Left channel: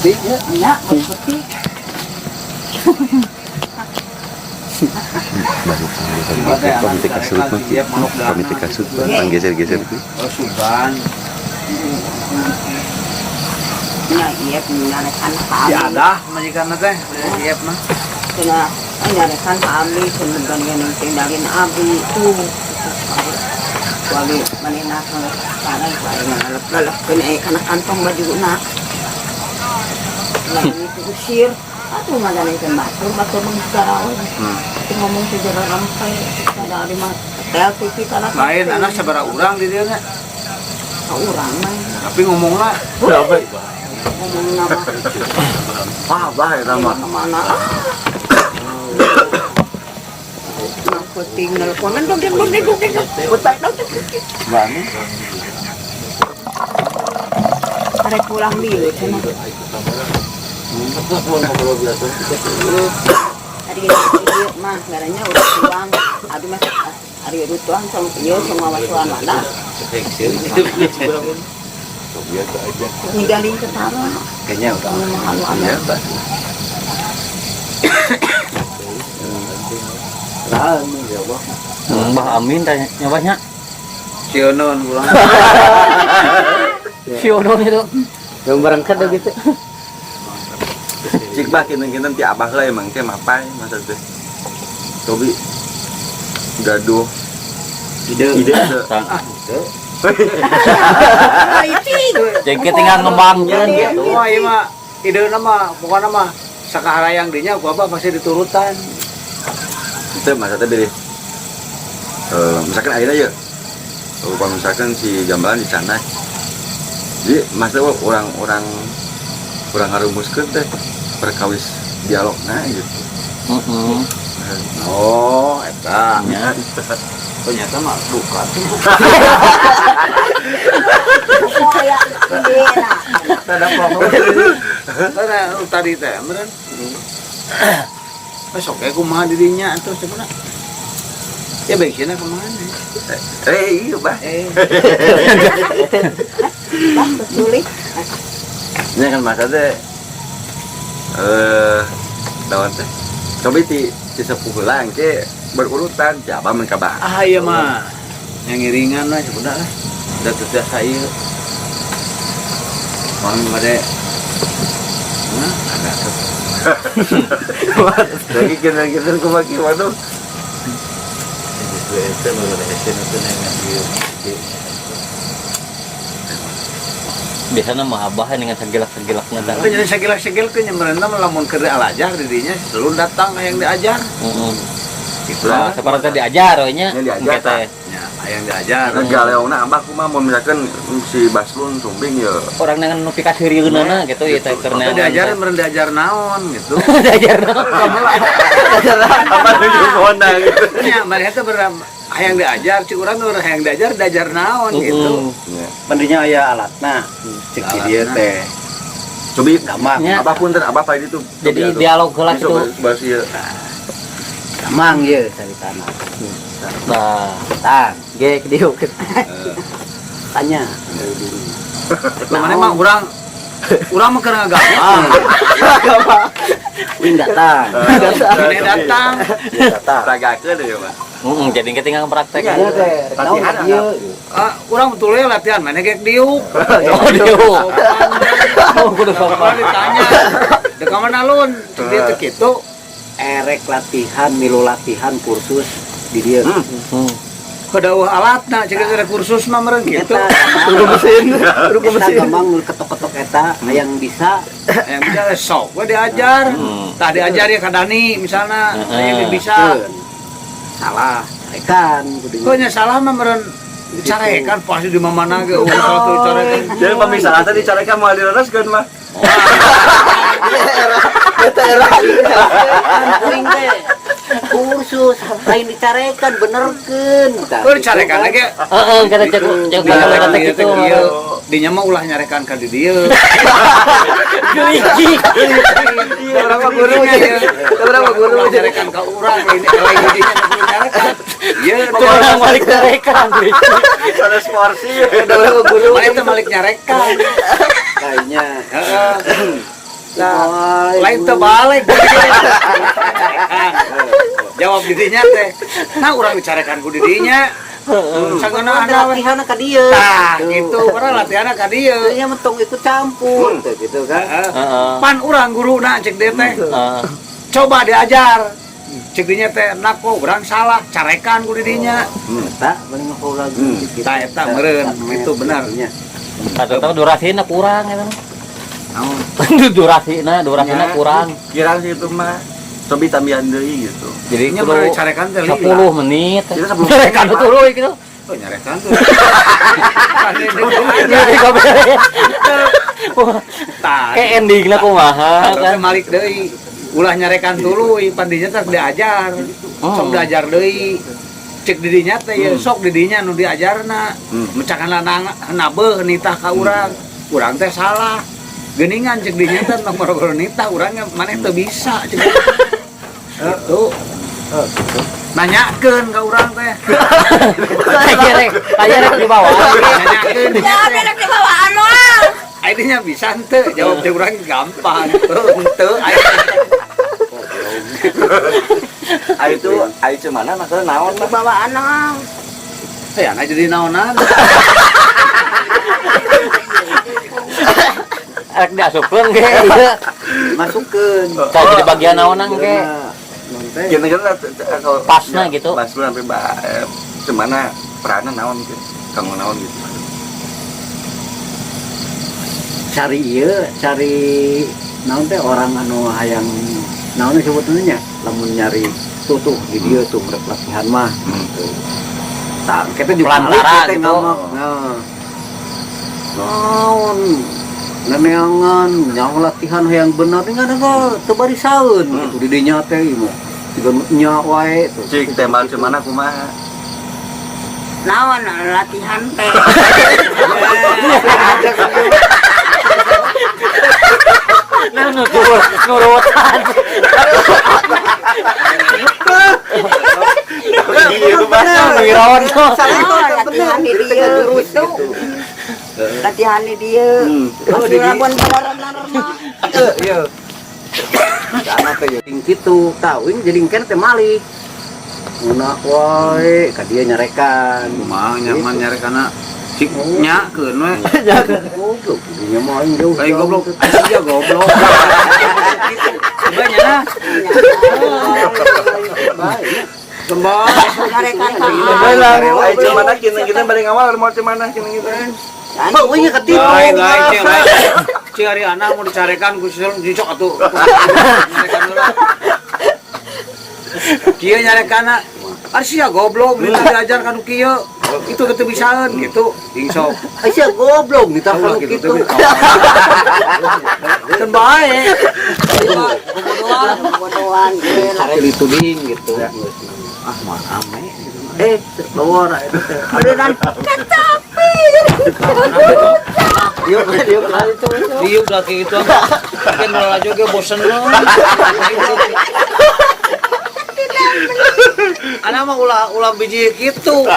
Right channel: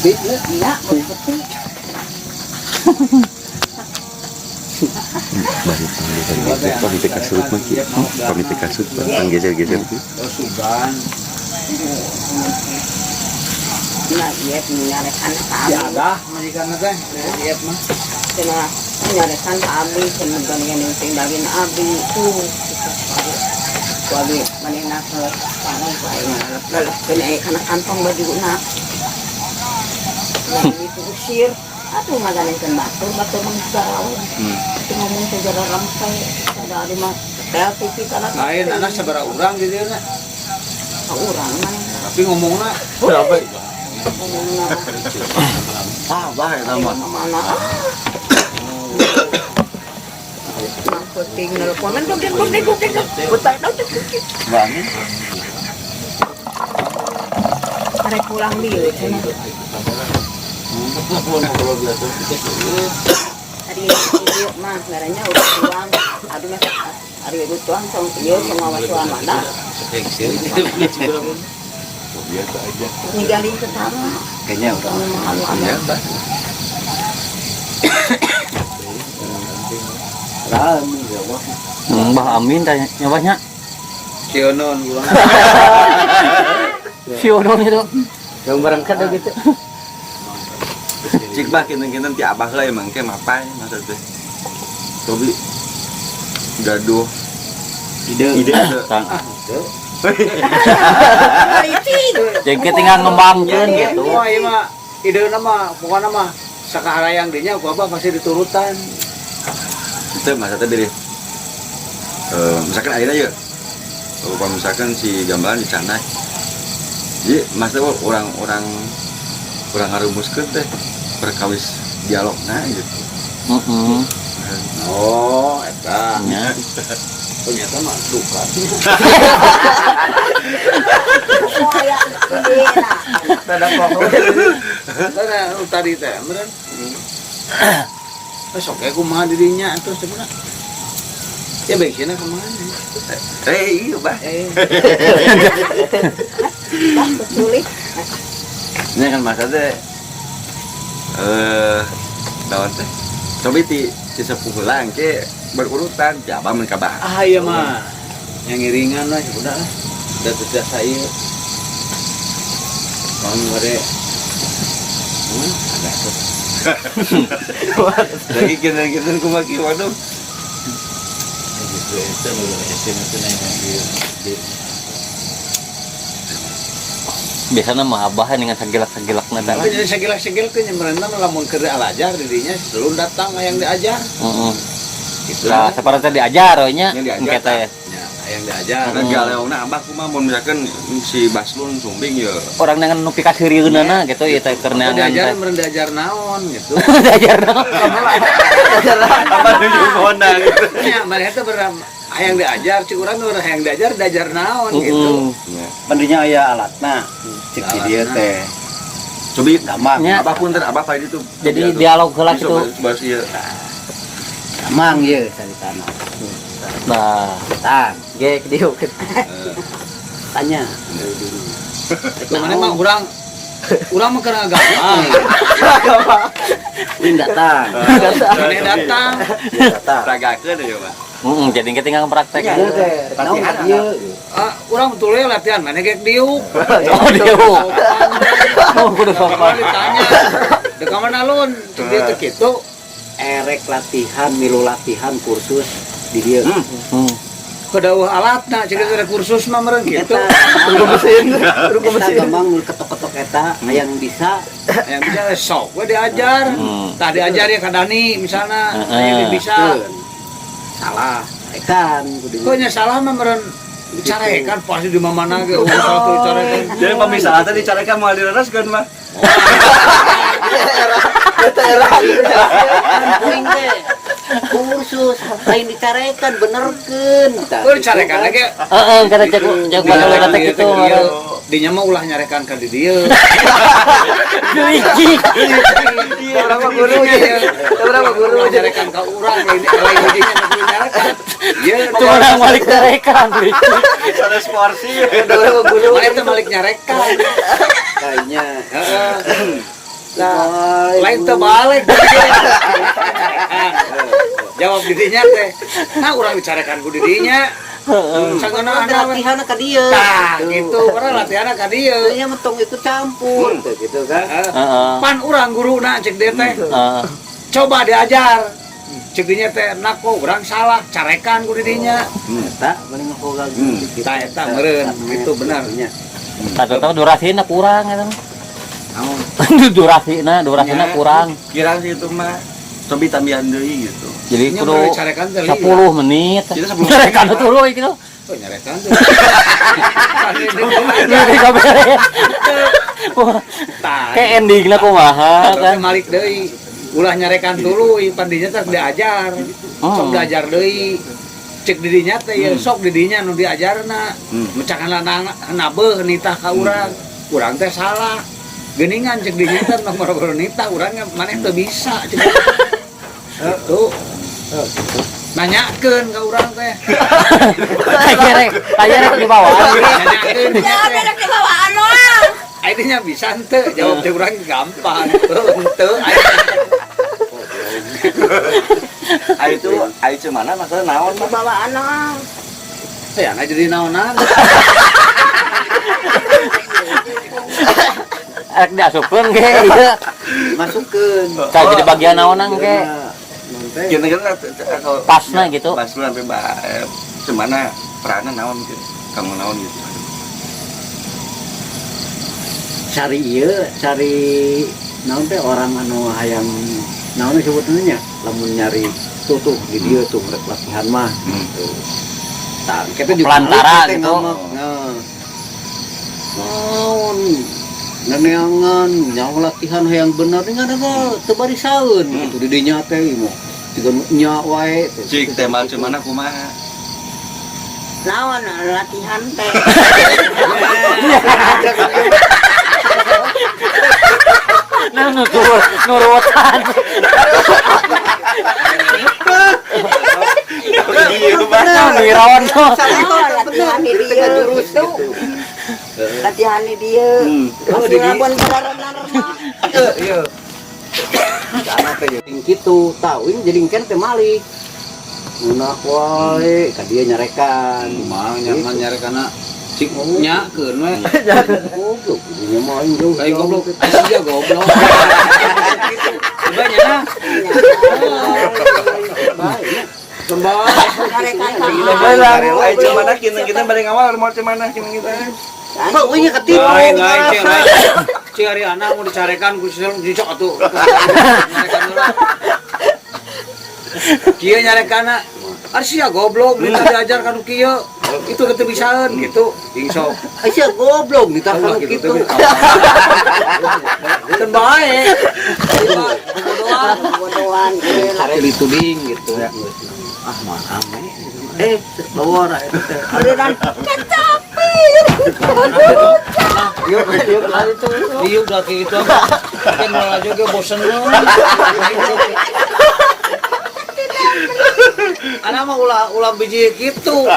Iya, seperti banyak panggil komite kasut komite kasut geser-geser itu suban. Ya, iya menyalakan kami. Ya ada majikan teh, iya mah. Cenah menyalakan kami sebenarnya yang tinggalin abi itu. Kali mana nak tanah lain lepas kena ikan kantong baju nak. Yang itu usir. Aku malah ikan batu mengisau. Ngomong sejarah rampai dari mah kita lah. Lain anak seberapa orang di dia nak? Orang. Tapi ngomonglah. Berapa? Ngomong nama. Bah itu mah. Mana? Marketing komen dong. Utak dong. Bani. Ada pulang dia. Hari ini mah garanya udah pulang. Aduh mah hari itu doang sama dia semua masuk anak. Ninggalin ke sana. Kayaknya udah biasa. Mbah Amin tanya nyawanya. Sionon pulang. Sionon itu. Yang berangkat gitu. cik bah kemungkinan ti abah lah emang ke mapai masa teh tobi gaduh ide Jadi tinggal ngembangnya gitu. Oh iya mah ide nama bukan nama sakaharayang dinya gua apa pasti diturutan. itu masa teh pilih misalkan akhirnya ya kalau misalkan si gambaran dicanai jadi masa orang ngarumuskeun teh perkawis dialog gitu. Oh, eta. Ternyata mah duka. Tadi teh meureun. Besok aku kumaha dirinya atuh cenah. Ya baiknya kumaha. Iya, Bah. Sulit. Ini kan masa teh lawan teh coba ti sepuh lang ke berurutan jaba men kabar iya mah yang ngiringan lah sebenarnya udah tidak saya orang pada ada tuh lagi kita kemaki waduh itu mengenai itu Biasanya mah abah dengan segelak-segelaknya tapi jadi segel-segel ke nyemrena melamun keur alajar dirinya selalu datang yang diajar. Gitu lah. Seperti diajar nya. Yang diajar. Ya, yang diajar. Galeona abah kumaha mun misalkan si Baslun sumbing ya. Orang yang nu pika sirieunana gitu ya teh karena diajar meureun diajar naon gitu. Diajar naon. Apa nuju honda gitu. Ya, mereka teh hayang diajar, cik urang nu hayang diajar naon gitu. Pentingnya aya alatna. Cik dieu teh. Cobi gampang. Apapun teh abah pada itu. Jadi dialog heula gitu. Bahas ieu. Gampang ieu caritana. Nah, Tang, ge dieu. Tanya. Mana mah urang mah keur gampang. Ini datang. Mana datang. Tagakeun ya, Pak. jadi ketinggalan praktek. Iya teh. Latihan ieu. Urang betul ya latihan mana gek diuk. Oh, diuk. Oh, kudu sopan ditanya. Da ka mana lun? Cek dieu teh kitu. Erek latihan, milu latihan kursus di dieu. Kedauh alatna cek ada kursus mah meureun kitu. Kudu mesin. Gampang ketok-ketok eta yang bisa sok we diajar. Tah diajar ya ka Dani misalna, aya bisa. Salah, carekan kudu. Kok nya salah mah meureun dicarekan pasti di mana ge satu dicarekan. Jadi pemisahan tadi dicarekan moal direreskeun mah. Eta era kursus lain dicarekan benerkeun. Oh dicarekan ge. Heeh, kada cek dinya mah ulah nyarekan ka di dieu. Berapa gurunya ya? Berapa guru nyarekan ka urang lain dinya guru nyarekan. Ieu orang balik nyarekan. Ada sporsi. guru mana teh malik nyarekan. Kayaknya. Heeh. Nah, lain terbalik. Jawab didinya teh. Nah, urang dicarekan ku didinya. Sangeuna ada we. latihan ka dieu. Tah, gitu. Urang latihan ka dieu. Nya mentong ikut campur gitu kan. Pan urang guruna cek dia teh. Coba diajar. Cek dinya teh enak kok urang salah, carekan ku didinya. Eta paling nghoga gitu. Tah eta meureun, gitu benar. Kata tahu durasina kurang ya kan. Naon? durasina kurang. Kira sih itu mah cobi tambahan deui gitu. Jadinya kudu mah dicarekan teh 10 menit. Kita 10 menit. Carekan tuluy gitu. Oh nyarekan tuh. Kan aja. Tah. Kayak endingnya kumaha Kan kan. malik deui. Ulah nyarekan tuluy, pandinya teh diajar. Sok diajar deui. Cek didinya teh ya sok didinya nu diajarna. Mecakan lanang hanabeun nitah ka urang. Urang teh salah. Geuningan cek didinya teh nomor nitah urang maneh teu bisa cek. Gitu. Nanyakeun ka urang teh. Kayak di bawah. Nanyakeun dinya teh. Aidenya bisa henteu jawab teh urang gampang. Henteu Ai itu mana masalah naon mah? Bawaan naon? ya anak jadi naonan. Ek diasupkeun ge ieu. Masukkeun. Ka jadi bagian naonan ge. Kira-kira Pasna gitu. Pas lu sampai semana peranan naon gitu. Kamu naon gitu. Cari ieu, cari naon teh orang anu hayang naon disebutnya lamun nyari tutuh di dieu tuh rek latihan mah gitu. Tah kita di Pelantara kita gitu. ngamak. Nah. Naon neneangan yang latihan yang benar dengan ada teu barisaeun gitu di dinya teh mah. Siga nya wae tuh. Cik tema cemana kumaha? Naon latihan teh. Nah nurutan. Miron. Latihan di dia terus tuh. Latihan di dia. Oh, di dia. Iya. Sana teh jeung kitu, tawing jadi kan teh malik. Ngeuna wae ka dieu nyarekan. Mah nyaman nyarekana cik nyakeun we. Goblok, dinya mah aing jauh. Kayak goblok, aing dia goblok. Gitu. Banyak nah. Kembali. Ai cemana kita bari ngawal mau cemana kita. Bau nya ketipu. Lain, cing. Cing hari anak mau dicarekan ku cicok atuh. Nyarekan heula. Kieu nyarekana Arsia goblok, minta diajarkan kieu. Itu teu bisaeun gitu. Jeung sok. Asa goblok minta Allah kalau gitu kitu. teh. Kan bae. Bodohan. Sare dituding gitu. Ah, mah ame. Bawa itu teh. Beneran Dia udah kayak gitu kan malah juga bosen loh. Anak mah ulah biji gitu.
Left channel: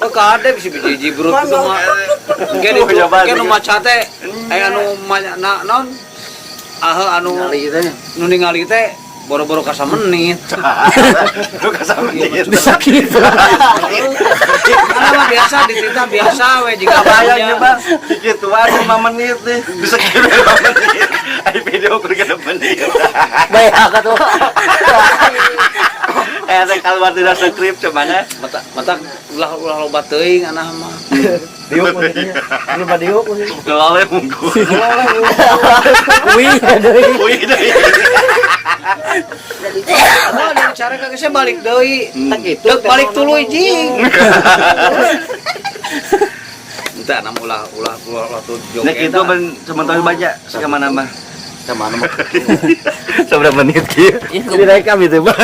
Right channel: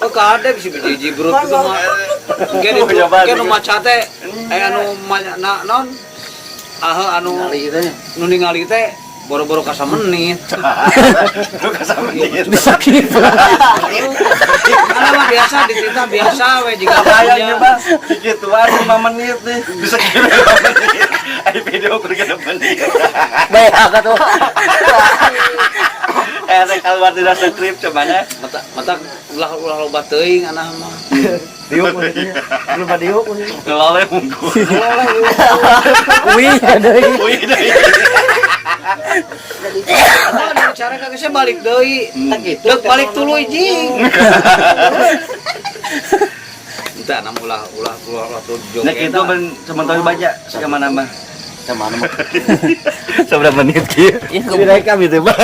Oh, kada bisa biji brut gitu mah. Kayak itu kayak nu maca teh anu naon anu nu ningali teh boro-boro ka menit. Sakit. Mana mah biasa dititah biasa we jika Kayaknya aja. Bang, gituan 5 menit nih. Bisa kira 5 menit. Ai video kerja 5 menit. Bae tuh. Rek keluar tidak skrip cemana? Mata ulah loba teuing anah mah. diuk ini mah diuk. Ngelawe munggu. Wih, ada lagi. Wih deui. Oh, dari cara kagak saya balik deui. Dek balik tuluy jing. Entah nama ulah tuh Nek joget. itu sementara baca kemana mah? Kemana mah? Seberapa menit kieu? Direkam itu, Bang.